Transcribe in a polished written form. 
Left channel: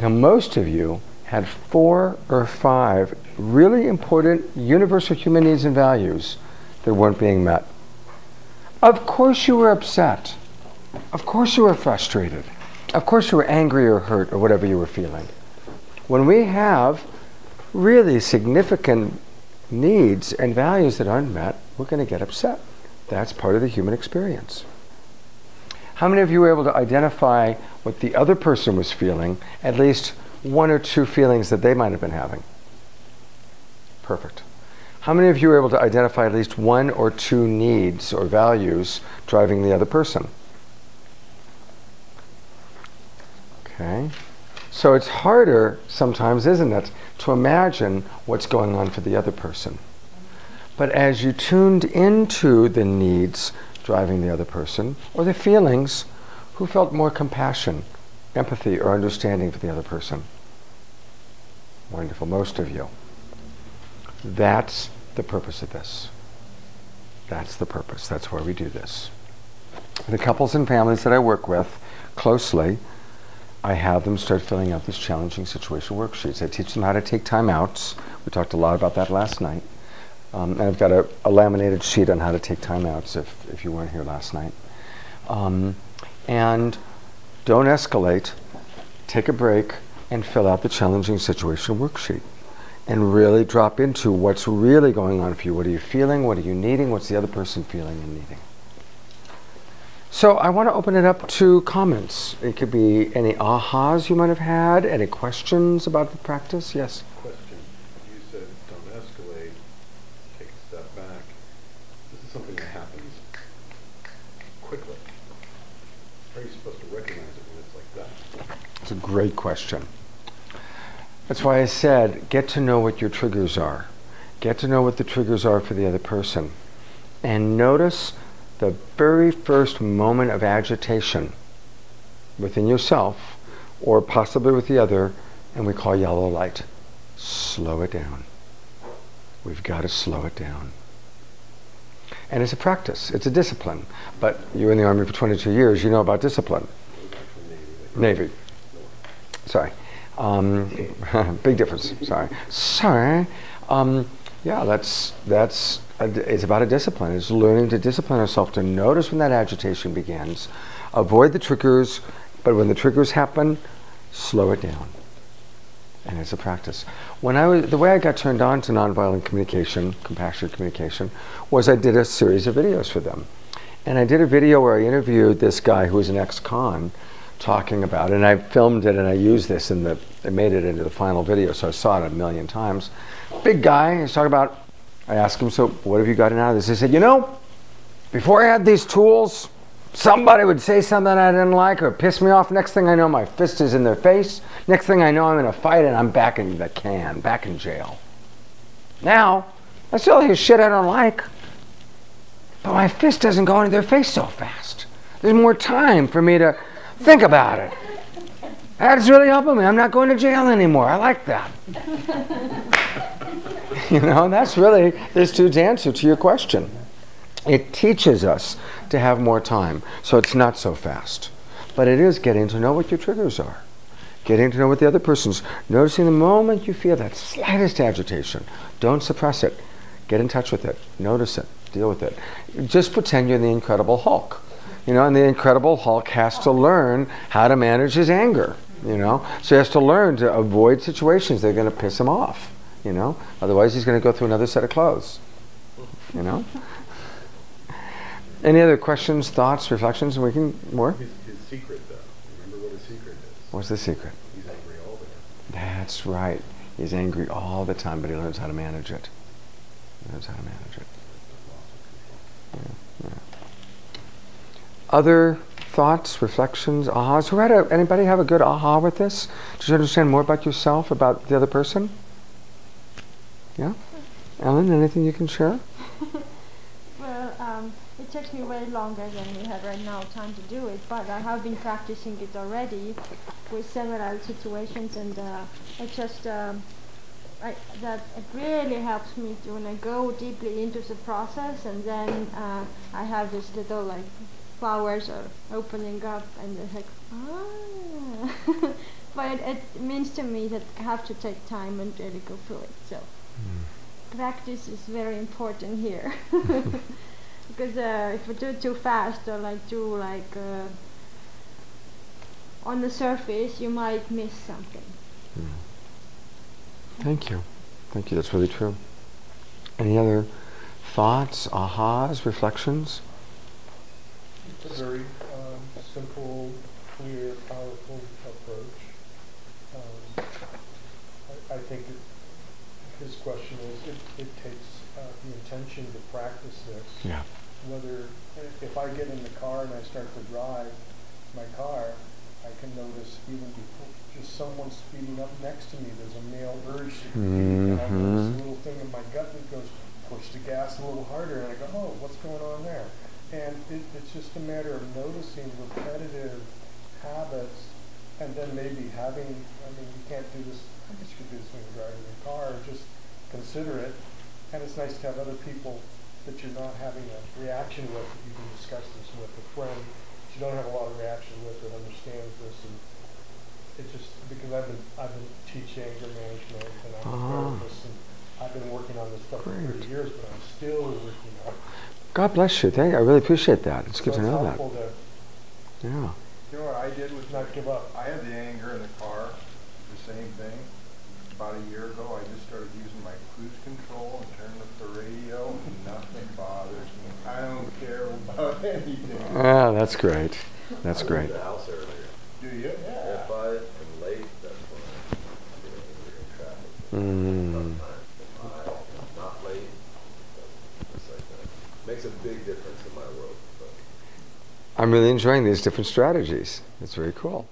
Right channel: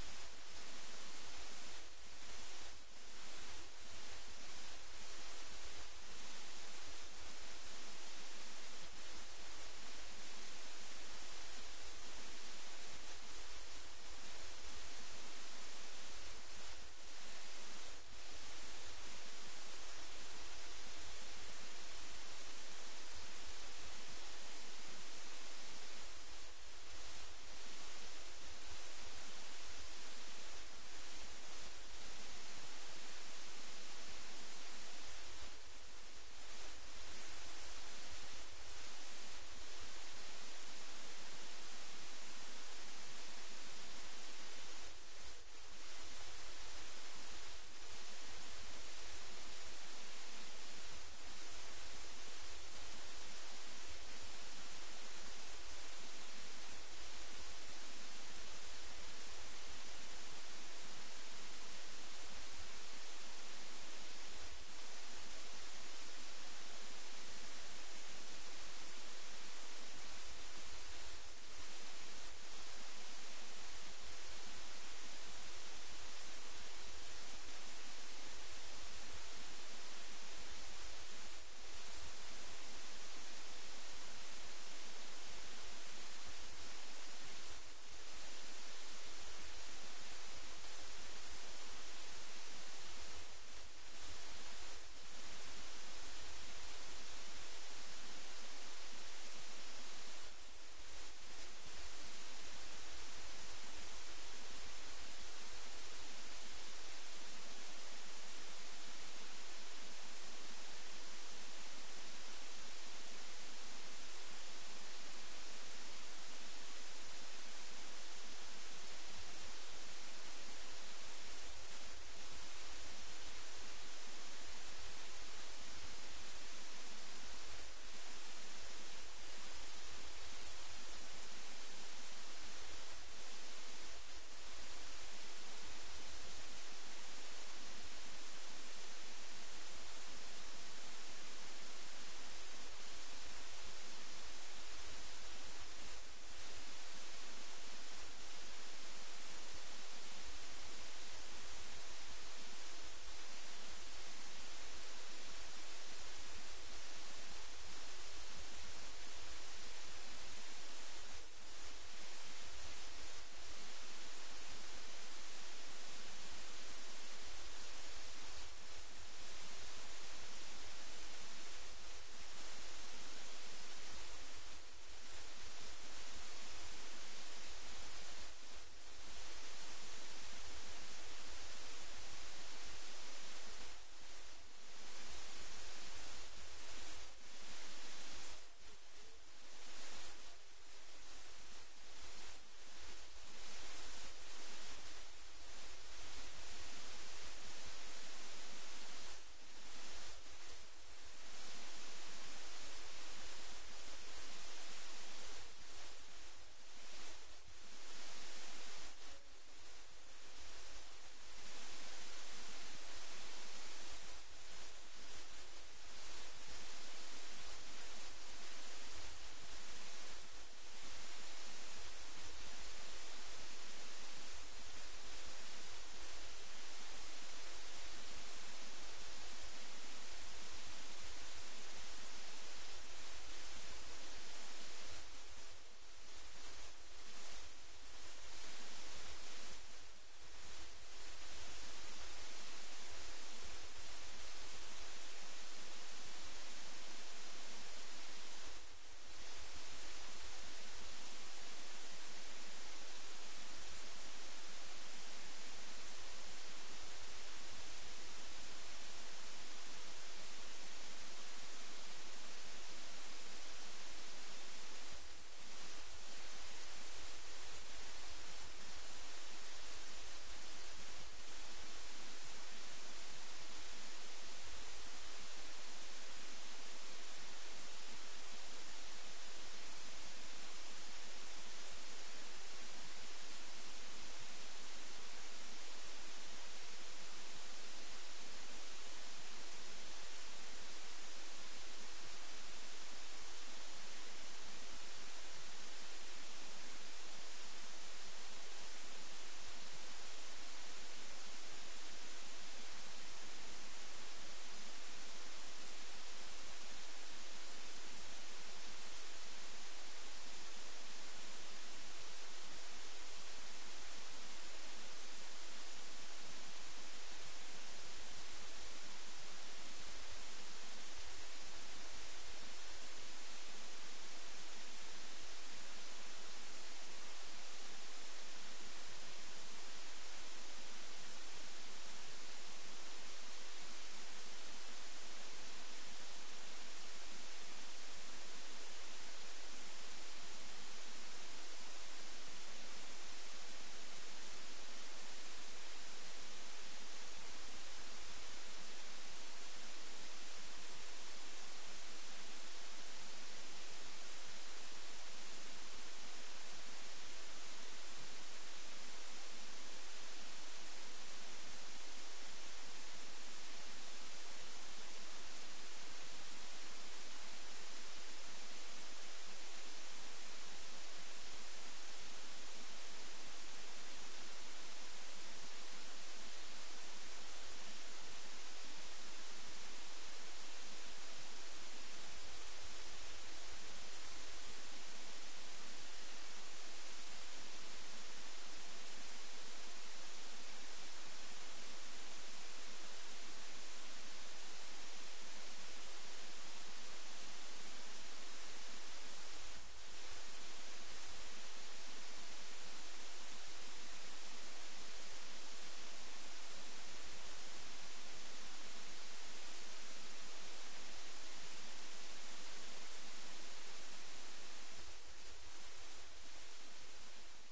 Now, most of you had 4 or 5 really important universal human needs and values that weren't being met. Of course you were upset. Of course you were frustrated. Of course you were angry or hurt or whatever you were feeling. When we have really significant needs and values that aren't met, we're going to get upset. That's part of the human experience. How many of you were able to identify what the other person was feeling, at least 1 or 2 feelings that they might have been having? Perfect. How many of you were able to identify at least 1 or 2 needs or values driving the other person? Okay. So it's harder sometimes, isn't it, to imagine what's going on for the other person. But as you tuned into the needs driving the other person, or the feelings, who felt more compassion, empathy, or understanding for the other person? Wonderful, most of you. That's the purpose of this. That's the purpose. That's why we do this. The couples and families that I work with closely, I have them start filling out this challenging situation worksheets. I teach them how to take time outs. We talked a lot about that last night. And I've got a laminated sheet on how to take time outs if you weren't here last night. And don't escalate. Take a break and fill out the challenging situation worksheet. And really drop into what's really going on for you. What are you feeling? What are you needing? What's the other person feeling and needing? So I want to open it up to comments. It could be any ahas you might have had, any questions about the practice. Yes? Question. You said don't escalate, take a step back. This is something that happens quickly. How are you supposed to recognize it when it's like that? It's a great question. That's why I said get to know what your triggers are. Get to know what the triggers are for the other person. And notice the very first moment of agitation within yourself or possibly with the other, and we call yellow light. Slow it down. We've got to slow it down. And it's a practice. It's a discipline. But you were in the Army for 22 years. You know about discipline. Navy. Sorry. Big difference. Sorry. Yeah, it's about a discipline. It's learning to discipline ourselves to notice when that agitation begins, avoid the triggers, but when the triggers happen, slow it down. And it's a practice. The way I got turned on to nonviolent communication, compassionate communication, was I did a series of videos for them. And I did a video where I interviewed this guy who was an ex-con talking about it, and I filmed it and I used this I made it into the final video, so I saw it a million times. Big guy, he's talking about, I asked him, so what have you gotten out of this? He said, before I had these tools, somebody would say something I didn't like or piss me off. Next thing I know, my fist is in their face. Next thing I know, I'm in a fight and I'm back in the can, back in jail. Now, I still hear shit I don't like, but my fist doesn't go into their face so fast. There's more time for me to think about it. That's really helping me. I'm not going to jail anymore. I like that. That's really this dude's answer to your question. It teaches us to have more time, so it's not so fast. But it is getting to know what your triggers are. Getting to know what the other person's, noticing the moment you feel that slightest agitation. Don't suppress it. Get in touch with it. Notice it. Deal with it. Just pretend you're the Incredible Hulk. And the Incredible Hulk has to learn how to manage his anger. So he has to learn to avoid situations that are going to piss him off. Otherwise he's going to go through another set of clothes. Any other questions, thoughts, reflections? And we can more. His secret, though. Remember what his secret is. What's the secret? He's angry all the time. That's right. He's angry all the time, but he learns how to manage it. Yeah. Other thoughts, reflections, ahas? Anybody have a good aha with this? Did you understand more about yourself, about the other person? Yeah? Ellen, anything you can share? Well, it takes me way longer than we have right now time to do it, but I have been practicing it already with several situations, and that it really helps me when I go deeply into the process, and then I have this little flowers are opening up, and it's like, but it means to me that I have to take time and really go through it. So practice is very important here. Because if we do it too fast or on the surface, you might miss something. Thank you. Thank you. That's really true. Any other thoughts, ahas, reflections? It's a very simple, clear, powerful approach. I think his question is, it takes the intention to practice this. Yeah. Whether, if I get in the car and I start to drive my car, I can notice even before just someone speeding up next to me, there's a male urge to compete, and I have this little thing in my gut that goes, push the gas a little harder, and I go, oh, what's going on there? And it's just a matter of noticing repetitive habits, and then maybe having, I mean, you can't do this, I guess you could do this when you're driving your car, just consider it. And it's nice to have other people that you're not having a reaction with, that you can discuss this with, a friend that you don't have a lot of reaction with that understands this. And it just, because I've been teaching anger management, and I'm a therapist, and I've been working on this stuff for 30 years, but I'm still working on it. God bless you. Thank you. I really appreciate that. It's good to So know that. Yeah. You know what I did was Not give up. I had the anger in the car, the same thing. About a year ago, I just started using my cruise control and turned up the radio, and nothing bothers me. I don't care about anything. Ah, that's great. That's I great. leave the house earlier. Do you? Yeah. If I am late, that's when I'm in traffic. Mm. Sometimes if I'm not late, it's like that. Makes a big difference in my world. But. I'm really enjoying these different strategies. It's very cool.